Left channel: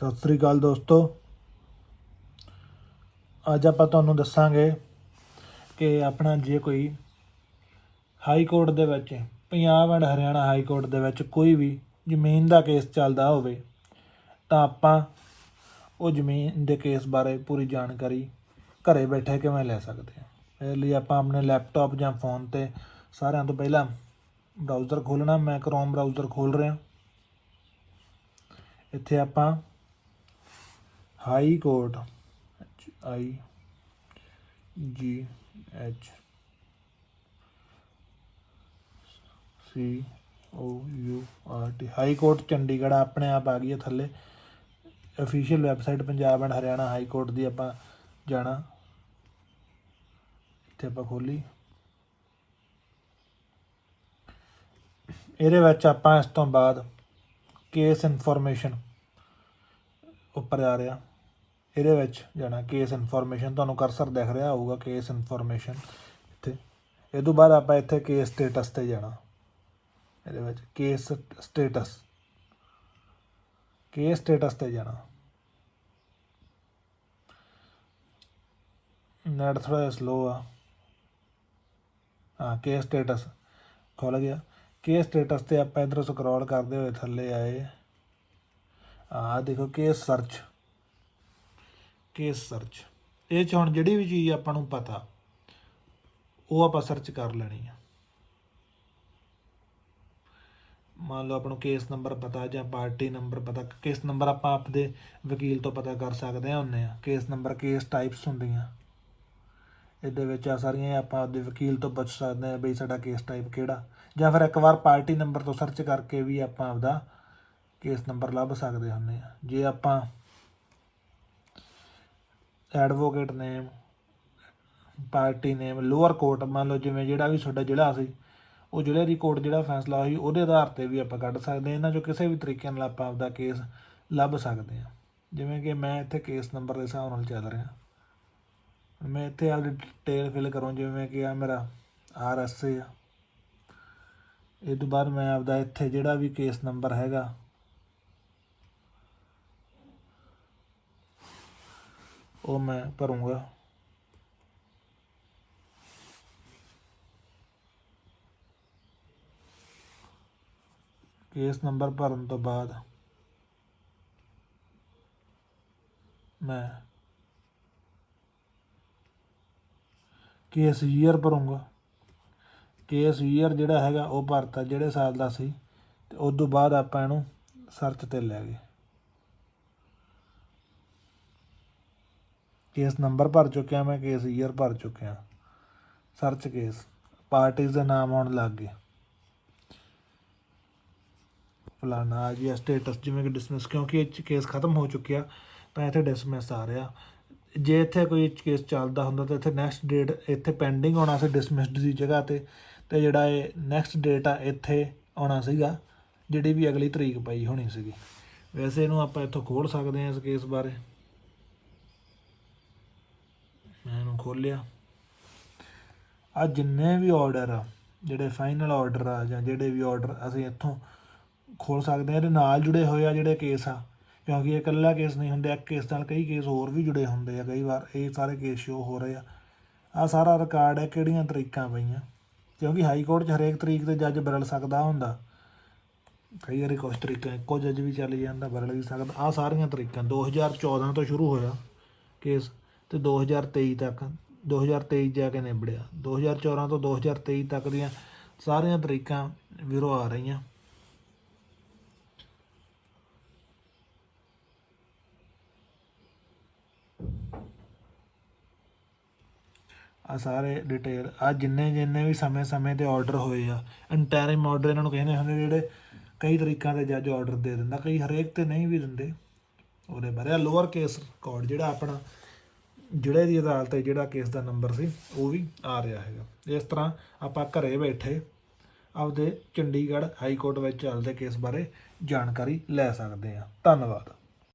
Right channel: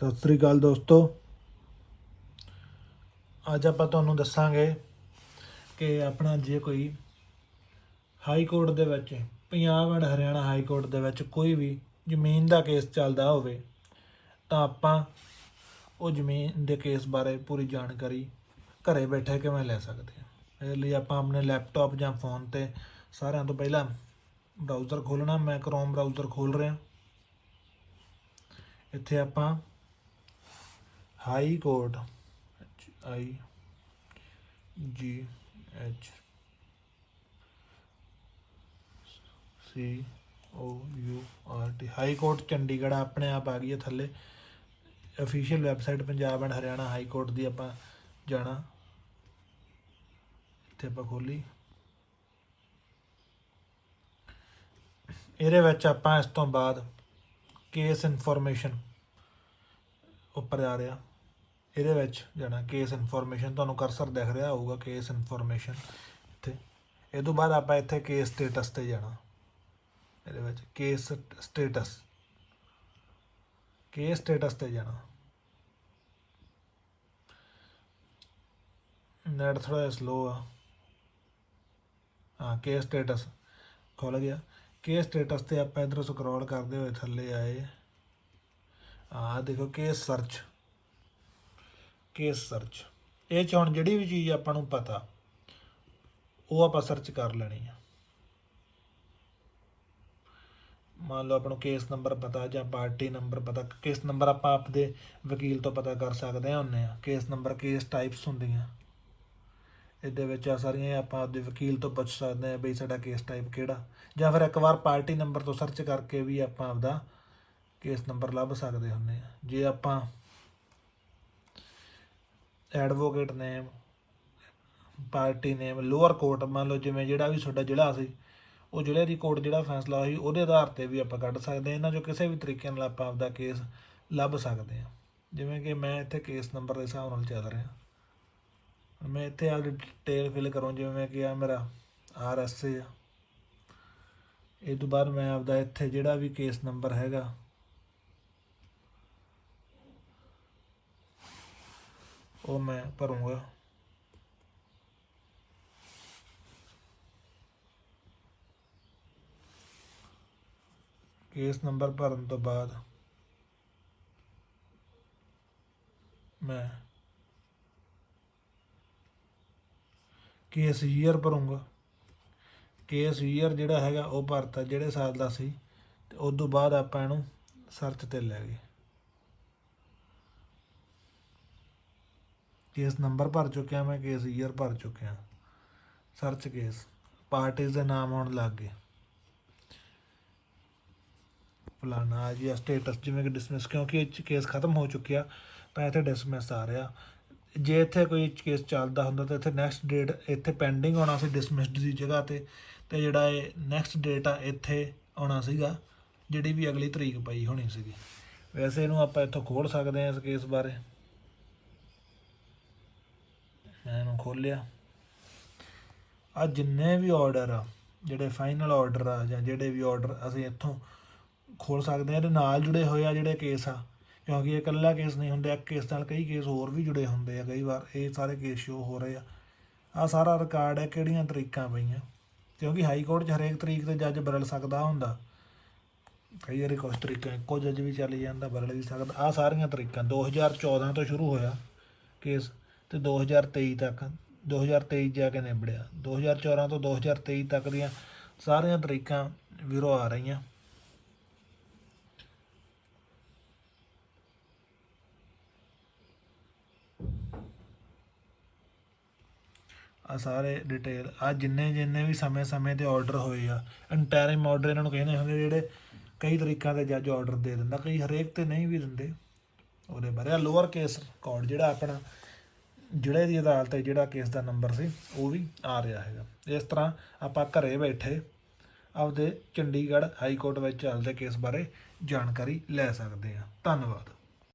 ਸਤਿ ਸ੍ਰੀ ਅਕਾਲ ਦੋਸਤੋ। ਅੱਜ ਆਪਾਂ ਤੁਹਾਨੂੰ ਦੱਸਾਂਗੇ ਕਿ ਆਪਣਾ ਜੇ ਕੋਈ ਹਾਈ ਕੋਰਟ ਦੇ ਵਿੱਚ, Punjab and Haryana high court ਦੇ ਵਿੱਚ ਕੋਈ ਵੀ ਜ਼ਮੀਨ ਦਾ ਕੇਸ ਚੱਲਦਾ ਹੋਵੇ, ਤਾਂ ਆਪਾਂ ਉਹ ਜ਼ਮੀਨ ਦੇ ਕੇਸ ਬਾਰੇ ਪੂਰੀ ਜਾਣਕਾਰੀ ਘਰੇ ਬੈਠੇ ਕਿਵੇਂ ਲੈ ਸਕਦੇ ਹਾਂ। ਇਸ ਲਈ ਆਪਾਂ ਆਪਣੇ ਲੈਪਟਾਪ ਜਾਂ ਫੋਨ ਤੇ ਸਾਰਿਆਂ ਤੋਂ ਪਹਿਲਾਂ ਬਰਾਊਜ਼ਰ ਖੋਲਣਾ ਮੈਂ ਕ੍ਰੋਮ ਬਰਾਊਜ਼ਰ ਖੋਲ ਰਿਹਾ। ਇੱਥੇ ਆਪਾਂ high court H I G H C O U R T high court Chandigarh ਆਪਣੇ ਆਪ ਆ ਗਈ ਹੈ ਥੱਲੇ। Official website Punjab and Haryana high court ਦੀ ਆਪਾਂ ਜਾਣਾ। ਇੱਥੇ ਆਪਾਂ ਖੋਲੀ। ਇਹਦੇ ਵਿੱਚ ਆਪਾਂ ਇਸ ਤੋਂ ਬਾਅਦ ਕੇਸ ਇਨਫੋਰਮੇਸ਼ਨ ਉੱਪਰ ਜਾ ਰਿਹਾ ਇਹਦੇ ਵਿੱਚ ਜਾਣਾ ਕੇਸ ਇਨਫੋਰਮੇਸ਼ਨ ਤੁਹਾਨੂੰ ਕਰਸਰ ਦਿਖ ਰਿਹਾ ਹੋਊਗਾ ਕੇਸ ਇਨਫੋਰਮੇਸ਼ਨ ਇੱਥੇ। ਇਹ ਤੋਂ ਬਾਅਦ ਆਪਾਂ ਇੱਥੇ ਕੇਸ ਸਟੇਟਸ ਤੇ ਜਾਣਾ। ਇਹਦੇ ਵਿੱਚ ਕੇਸ ਸਟੇਟਸ ਕੇਸ ਸਟੇਟਸ ਤੇ ਜਾਣਾ। ਨੈਟ ਥੋੜਾ ਸਲੋ ਆ। ਹਾਂ ਕੇਸ ਸਟੇਟਸ ਖੁੱਲ ਗਿਆ। ਕੇਸ ਸਟੇਟਸ ਤੇ ਆਪਾਂ ਇਧਰੋਂ ਸਕਰੋਲ ਕਰਦੇ ਹੋਏ ਥੱਲੇ ਆਏ। ਆ ਦੇਖੋ ਕੇਸ ਸਰਚ ਕੇਸ ਸਰਚ ਇਹ ਚ ਹੁਣ ਜਿਹੜੀ ਵੀ ਚੀਜ਼ ਆਪਾਂ ਨੂੰ ਪਤਾ, ਉਹ ਆਪਾਂ ਸਰਚ ਕਰ ਲੈਣੀ ਆ। ਮੰਨ ਲਓ ਆਪਾਂ ਨੂੰ ਕੇਸ ਨੰਬਰ ਪਤਾ ਜਾਂ ਪਾਰਟੀ ਨੰਬਰ ਪਤਾ ਕੇਸ ਨੰਬਰ ਆਪਾਂ ਆਪਦੇ ਵਕੀਲ ਤੋਂ ਪਤਾ ਕਰ ਸਕਦੇ ਹਾਂ ਹੁੰਨੇ ਆ। ਕੇਸ ਨੰਬਰ ਕੇਸ ਟਾਈਪਸ ਹੁੰਦੀਆਂ। ਇਹਦੇ ਵਿੱਚ ਆ ਸਾਰੀਆਂ ਆਪਾਂ ਆਪਦੇ ਵਕੀਲ ਤੋਂ ਪੁੱਛ ਸਕਦੇ ਹਾਂ ਬਈ ਸਾਡਾ ਕੇਸ ਟਾਈਪ ਕਿਹੜਾ। ਜਾਂ ਫਿਰ ਇੱਕ ਵਾਰ ਪਾਰਟੀ ਨੰਬਰ ਤੋਂ ਸਰਚ ਕਰਕੇ ਵੀ ਆਪਾਂ ਆਪਦਾ ਕੇਸ ਨੰਬਰ ਲੱਭ ਸਕਦੇ ਹੁੰਦੇ ਆ। ਜੇ ਆਪਾਂ advocate name, party name, lower court, ਮੰਨ ਲਓ ਜਿਵੇਂ ਜਿਹੜਾ ਵੀ ਤੁਹਾਡਾ ਜ਼ਿਲ੍ਹਾ ਸੀ, ਉਹ ਜ਼ਿਲ੍ਹੇ ਦੀ ਕੋਰਟ ਜਿਹੜਾ ਫੈਸਲਾ ਹੋਈ ਉਹਦੇ ਆਧਾਰ ਤੇ ਵੀ ਆਪਾਂ ਕੱਢ ਸਕਦੇ ਹਾਂ। ਇਹਨਾਂ ਚੋਂ ਕਿਸੇ ਵੀ ਤਰੀਕੇ ਨਾਲ ਆਪਾਂ ਆਪਦਾ ਕੇਸ ਲੱਭ ਸਕਦੇ ਹਾਂ। ਜਿਵੇਂ ਕਿ ਮੈਂ ਇੱਥੇ ਕੇਸ ਨੰਬਰ ਦੇ ਹਿਸਾਬ ਨਾਲ ਚੱਲ ਰਿਹਾ। ਮੈਂ ਇੱਥੇ ਆਪਦੀ ਡਿਟੇਲ ਫਿਲ ਕਰੂੰ, ਜਿਵੇਂ ਕਿ ਆ ਮੇਰਾ ਆਰ ਐਸ ਏ ਆ। ਇਹ ਤੋਂ ਬਾਅਦ ਮੈਂ ਆਪਦਾ ਇੱਥੇ ਜਿਹੜਾ ਵੀ ਕੇਸ ਨੰਬਰ ਹੈਗਾ ਉਹ ਮੈਂ ਭਰੂੰਗਾ। ਕੇਸ ਨੰਬਰ ਭਰਨ ਤੋਂ ਬਾਅਦ ਮੈਂ ਕੇਸ ਈਅਰ ਭਰੂੰਗਾ। ਕੇਸ ਈਅਰ ਜਿਹੜਾ ਹੈਗਾ ਉਹ ਭਰਤਾ ਜਿਹੜੇ ਸਾਲ ਦਾ ਸੀ ਤੇ ਉਸ ਤੋਂ ਬਾਅਦ ਆਪਾਂ ਇਹਨੂੰ ਸਰਚ ਤੇ ਲੈ ਗਏ। ਕੇਸ ਨੰਬਰ ਭਰ ਚੁੱਕਿਆ, ਮੈਂ ਕੇਸ ਈਅਰ ਭਰ ਚੁੱਕਿਆ। ਸਰਚ ਕੇਸ ਪਾਰਟੀਜ਼ ਦੇ ਨਾਮ ਆਉਣ ਲੱਗ ਗਏ। ਫਲਾਣਾ, ਆ ਜੀ ਸਟੇਟਸ ਜਿਵੇਂ ਕਿ ਡਿਸਮਿਸ ਕਿਉਂਕਿ ਇਹ 'ਚ ਕੇਸ ਖਤਮ ਹੋ ਚੁੱਕਿਆ, ਤਾਂ ਇੱਥੇ ਡਿਸਮਿਸ ਆ ਰਿਹਾ। ਜੇ ਇੱਥੇ ਕੋਈ ਕੇਸ ਚੱਲਦਾ ਹੁੰਦਾ, ਤਾਂ ਇੱਥੇ ਨੈਕਸਟ ਡੇਟ ਇੱਥੇ ਪੈਂਡਿੰਗ ਹੋਣਾ ਸੀ ਡਿਸਮਿਸਡ ਦੀ ਜਗ੍ਹਾ ਤੇ ਤੇ ਜਿਹੜਾ ਇਹ ਨੈਕਸਟ ਡੇਟ ਆ, ਇੱਥੇ ਆਉਣਾ ਸੀਗਾ, ਜਿਹੜੀ ਵੀ ਅਗਲੀ ਤਰੀਕ ਪਈ ਹੋਣੀ ਸੀਗੀ। ਵੈਸੇ ਇਹਨੂੰ ਆਪਾਂ ਇੱਥੋਂ ਖੋਲ ਸਕਦੇ ਹਾਂ ਇਸ ਕੇਸ ਬਾਰੇ। ਮੈਂ ਇਹਨੂੰ ਖੋਲਿਆ। ਆ ਜਿੰਨੇ ਵੀ ਆਰਡਰ ਆ, ਜਿਹੜੇ ਫਾਈਨਲ ਆਰਡਰ ਆ ਜਾਂ ਜਿਹੜੇ ਵੀ ਆਰਡਰ ਅਸੀਂ ਇੱਥੋਂ ਖੋਲ ਸਕਦੇ ਹਾਂ ਇਹਦੇ ਨਾਲ ਜੁੜੇ ਹੋਏ ਆ ਜਿਹੜੇ ਕੇਸ ਆ। ਕਿਉਂਕਿ ਇਹ ਇਕੱਲਾ ਕੇਸ ਨਹੀਂ ਹੁੰਦੇ, ਇੱਕ ਕੇਸ ਨਾਲ ਕਈ ਕੇਸ ਹੋਰ ਵੀ ਜੁੜੇ ਹੁੰਦੇ ਆ, ਕਈ ਵਾਰ ਇਹ ਸਾਰੇ ਕੇਸ ਸ਼ੋ ਹੋ ਰਹੇ ਆ। ਆ ਸਾਰਾ ਰਿਕਾਰਡ ਹੈ ਕਿਹੜੀਆਂ ਤਰੀਕਾਂ ਪਈਆਂ। ਕਿਉਂਕਿ ਹਾਈ ਕੋਰਟ 'ਚ ਹਰੇਕ ਤਰੀਕ ਤੇ ਜੱਜ ਬਦਲ ਸਕਦਾ ਹੁੰਦਾ। ਕਈ ਵਾਰੀ ਕੁਛ ਤਰੀਕਾਂ, ਇੱਕੋ ਜੱਜ ਵੀ ਚੱਲ ਜਾਂਦਾ, ਬਦਲ ਵੀ ਸਕਦਾ। ਆ ਸਾਰੀਆਂ ਤਰੀਕਾਂ 2014 ਤੋਂ ਸ਼ੁਰੂ ਹੋਇਆ ਕੇਸ ਤੇ 2023 ਤੱਕ 2023 ਜਾ ਕੇ ਨਿਬੜਿਆ। 2014 ਤੋਂ 2023 ਤੱਕ ਦੀਆਂ ਸਾਰੀਆਂ ਤਰੀਕਾਂ ਵੀਰੋ ਆ ਰਹੀਆਂ। ਆ ਸਾਰੇ ਡਿਟੇਲ ਆ ਜਿੰਨੇ ਜਿੰਨੇ ਵੀ ਸਮੇਂ-ਸਮੇਂ ਤੇ ਆਰਡਰ ਹੋਏ ਆ ਇੰਟਰਿਮ ਆਰਡਰ ਇਹਨਾਂ ਨੂੰ ਕਹਿੰਦੇ ਹੁੰਦੇ ਜਿਹੜੇ ਕਈ ਤਰੀਕਾਂ ਦੇ ਜੱਜ ਆਰਡਰ ਦੇ ਦਿੰਦਾ, ਕਈ ਹਰੇਕ ਤੇ ਨਹੀਂ ਵੀ ਦਿੰਦੇ। ਉਹਦੇ ਬਾਰੇ ਆ ਲੋਅਰ ਕੇਸ ਰਿਕਾਰਡ ਜਿਹੜਾ ਆਪਣਾ ਜਿਹੜੇ ਦੀ ਅਦਾਲਤ ਤੇ ਜਿਹੜਾ ਕੇਸ ਦਾ ਨੰਬਰ ਸੀ, ਉਹ ਵੀ ਆ ਰਿਹਾ ਹੈਗਾ। ਇਸ ਤਰ੍ਹਾਂ ਆਪਾਂ ਘਰੇ ਬੈਠੇ ਆਪਦੇ ਚੰਡੀਗੜ੍ਹ ਹਾਈ ਕੋਰਟ ਵਿੱਚ ਚੱਲਦੇ ਕੇਸ ਬਾਰੇ ਜਾਣਕਾਰੀ ਲੈ ਸਕਦੇ ਹਾਂ। ਧੰਨਵਾਦ।